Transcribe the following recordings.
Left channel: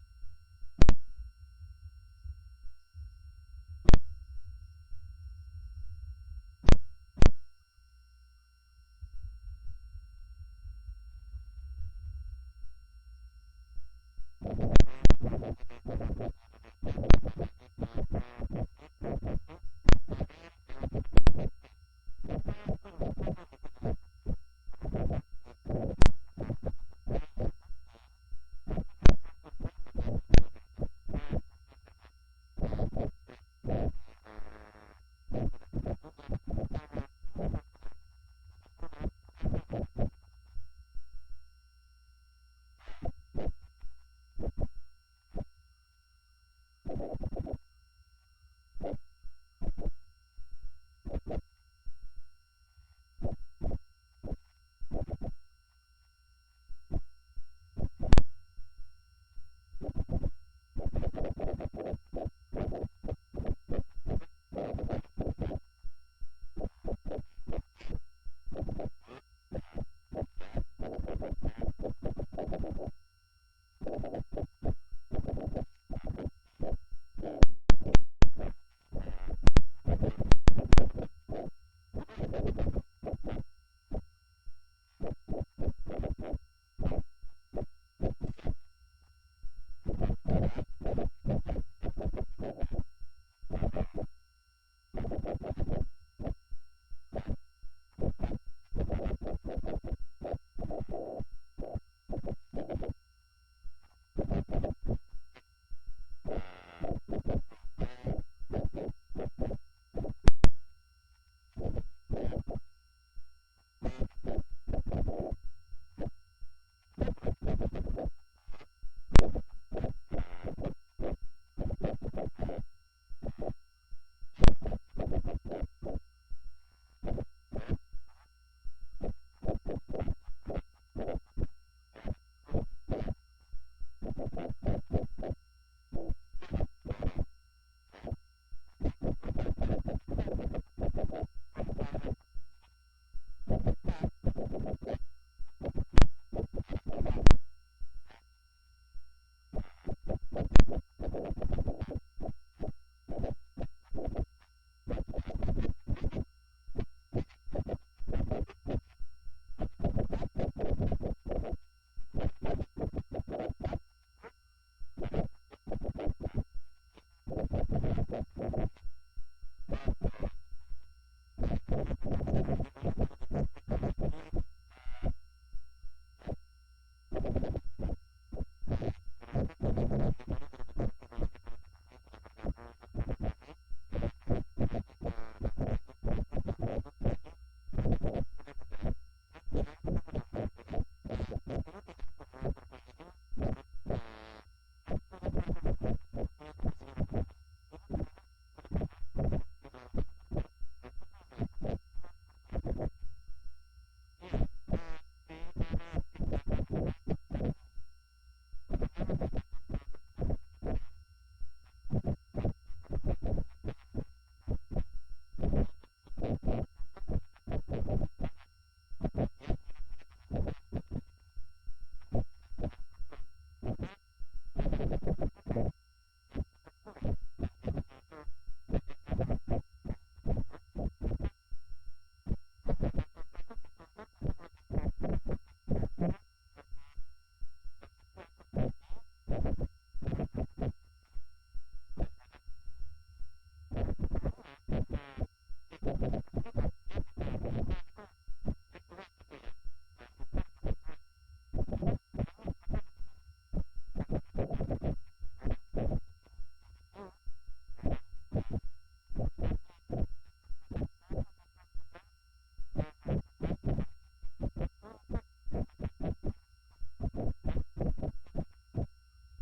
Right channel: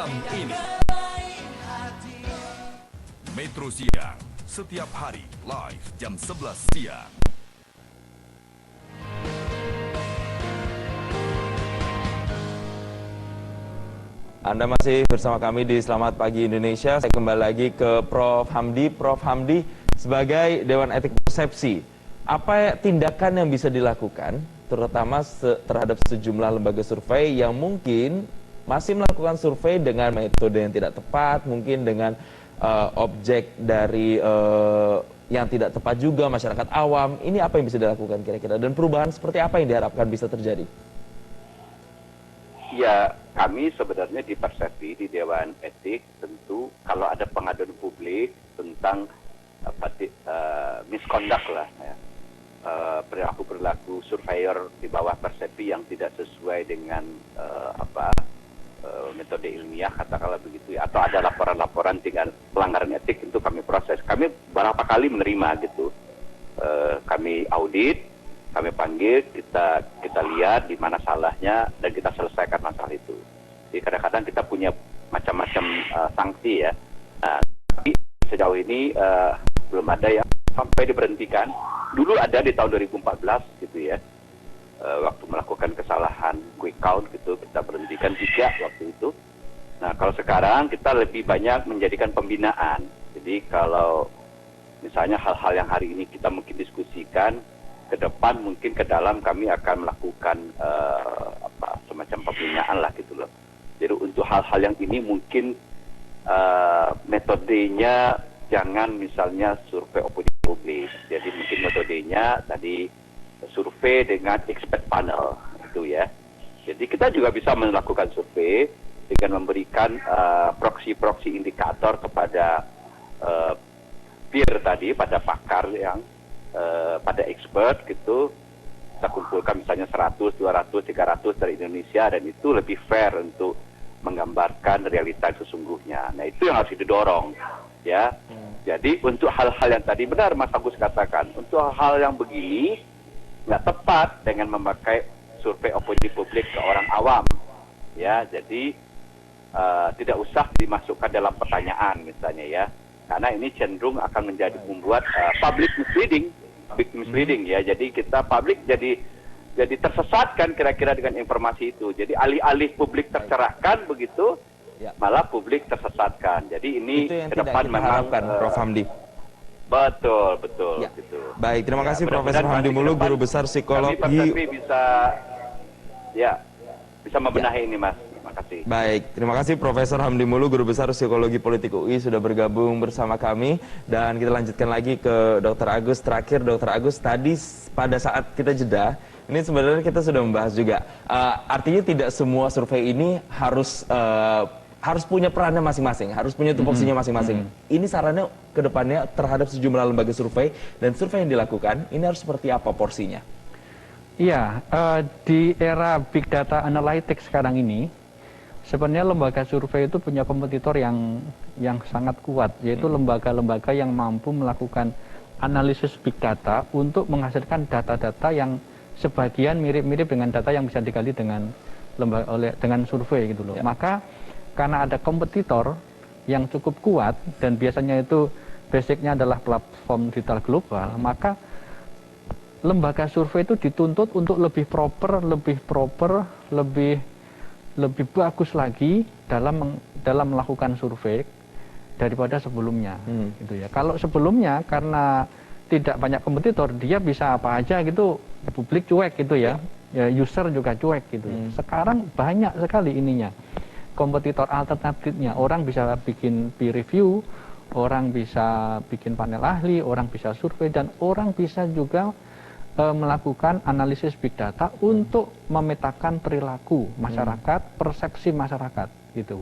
malam ini. Metro Siang, setiap hari live jam 11 siang. Anda masih bersama kami di Selamat Pagi Indonesia. Saya kembali lagi ke Prof. Hamdi. Prof. Hamdi, sebagai Dewan Etik Persepsi, apa tindakan yang bisa dilakukan, terutama terhadap sejumlah lembaga survei yang mungkin masih melakukan survei dengan metode yang tidak tepat, mungkin dengan objek dari yang tidak tepat juga, masyarakat awam. Ini apa yang bisa dilakukan kira-kira? Dan perubahan seperti apa yang diharapkan bisa terjadi? Ya, kami sebenarnya di Persepsi, di Dewan Etik, tentu kalau ada pengaduan publik tentang misconduct lah, ya, perilaku surveyor di bawah Persepsi yang tidak sesuai dengan metode ilmiah, katakanlah begitu, ya, atau ada laporan-laporan dengan pelanggaran etik, itu kami proses. Kami beberapa kali menerima gitu, kami audit, kami panggil, kita lihat di mana salahnya dan kita selesaikan masalah itu. Jadi kadang-kadang kita punya macam-macam sanksi ya. Nah, tapi sejauh ini belum ada yang sampai diberhentikan. Dulu ada di tahun 2014 gitu ya. Waktu melakukan kesalahan quick count gitu, kita berhentikan 3 waktu itu. Nah, kalau sekarang kita lebih banyak menjadikan pembinaan. Jadi kalau misalnya hal-hal yang hari ini kita mungkin diskusikan, ke depan mungkin ke dalam kami akan melakukan semacam pembinaan lah gitu loh. Jadi untuk hal-hal yang ini mungkin metodenya jangan misalnya survei opini publik. Jadi mungkin metodenya tadi survei dengan expert panel gitu ya. Jadi kita juga bisa melakukan survei dengan memberikan proksi-proksi indikator kepada peer tadi, pada pakar yang pada expert gitu, kita kumpulkan misalnya 100, 200, 300 dari Indonesia, dan itu lebih fair untuk menggambarkan realita sesungguhnya. Nah, itu yang harus didorong ya. Jadi untuk hal-hal yang tadi benar Mas Agus katakan, untuk hal yang begini nggak tepat dengan memakai survei opini publik ke orang awam ya. Jadi tidak usah dimasukkan dalam pertanyaan misalnya ya, karena ini cenderung akan menjadi membuat public misleading ya. Jadi kita publik jadi tersesatkan kira-kira dengan informasi itu. Jadi alih-alih publik tercerahkan begitu, malah publik tersesatkan. Jadi ini ke depan memang Prof. Hamdi. Betul Ya. gitu. Baik, terima kasih Profesor Hamdi Muluk, Guru Besar Psikologi. Kami bisa membenahi ini, Mas. Terima kasih. Baik, terima kasih Profesor Hamdi Muluk, Guru Besar Psikologi Politik UI sudah bergabung bersama kami. Dan kita lanjutkan lagi ke Dr. Agus. Terakhir Dr. Agus, tadi pada saat kita jeda, ini sebenarnya kita sudah membahas juga. Artinya tidak semua survei ini harus punya perannya masing-masing, harus punya tupoksinya masing-masing. Ini sarannya ke depannya terhadap sejumlah lembaga survei, dan survei yang dilakukan ini harus seperti apa porsinya? Iya, di era big data analytics sekarang ini, sebenarnya lembaga survei itu punya kompetitor yang sangat kuat, yaitu lembaga-lembaga yang mampu melakukan analisis big data untuk menghasilkan data-data yang sebagian mirip-mirip dengan data yang bisa digali dengan survei gitu loh. Ya. Maka karena ada kompetitor yang cukup kuat dan biasanya itu basicnya adalah platform digital global, maka lembaga survei itu dituntut untuk lebih proper, lebih bagus lagi dalam melakukan survei daripada sebelumnya, gitu ya. Kalau sebelumnya karena tidak banyak kompetitor, dia bisa apa aja gitu, publik cuek gitu ya, user juga cuek gitu. Sekarang banyak sekali ininya, kompetitor alternatifnya. Orang bisa bikin peer review, orang bisa bikin panel ahli, orang bisa survei, dan orang bisa juga melakukan analisis big data untuk memetakan perilaku masyarakat, persepsi masyarakat gitu.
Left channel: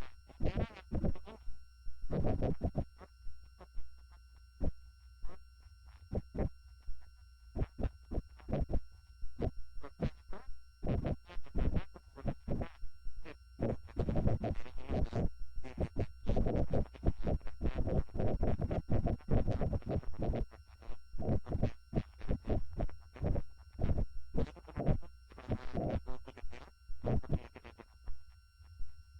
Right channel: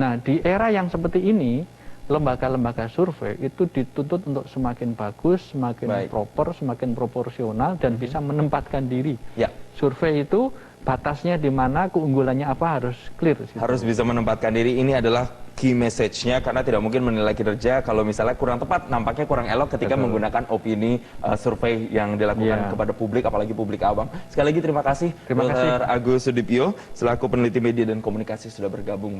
Nah, di era yang seperti ini, lembaga-lembaga survei itu dituntut untuk semakin bagus, semakin proper, semakin proporsional, dan bisa menempatkan diri. Ya. Survei itu batasnya di mana, keunggulannya apa, harus clear. Harus bisa menempatkan diri. Ini adalah key message-nya, karena tidak mungkin menilai kinerja kalau misalnya kurang tepat, nampaknya kurang elok ketika menggunakan opini survei yang dilakukan kepada publik, apalagi publik awam. Sekali lagi terima kasih Dr. Agus Sudipyo selaku peneliti media dan komunikasi sudah bergabung.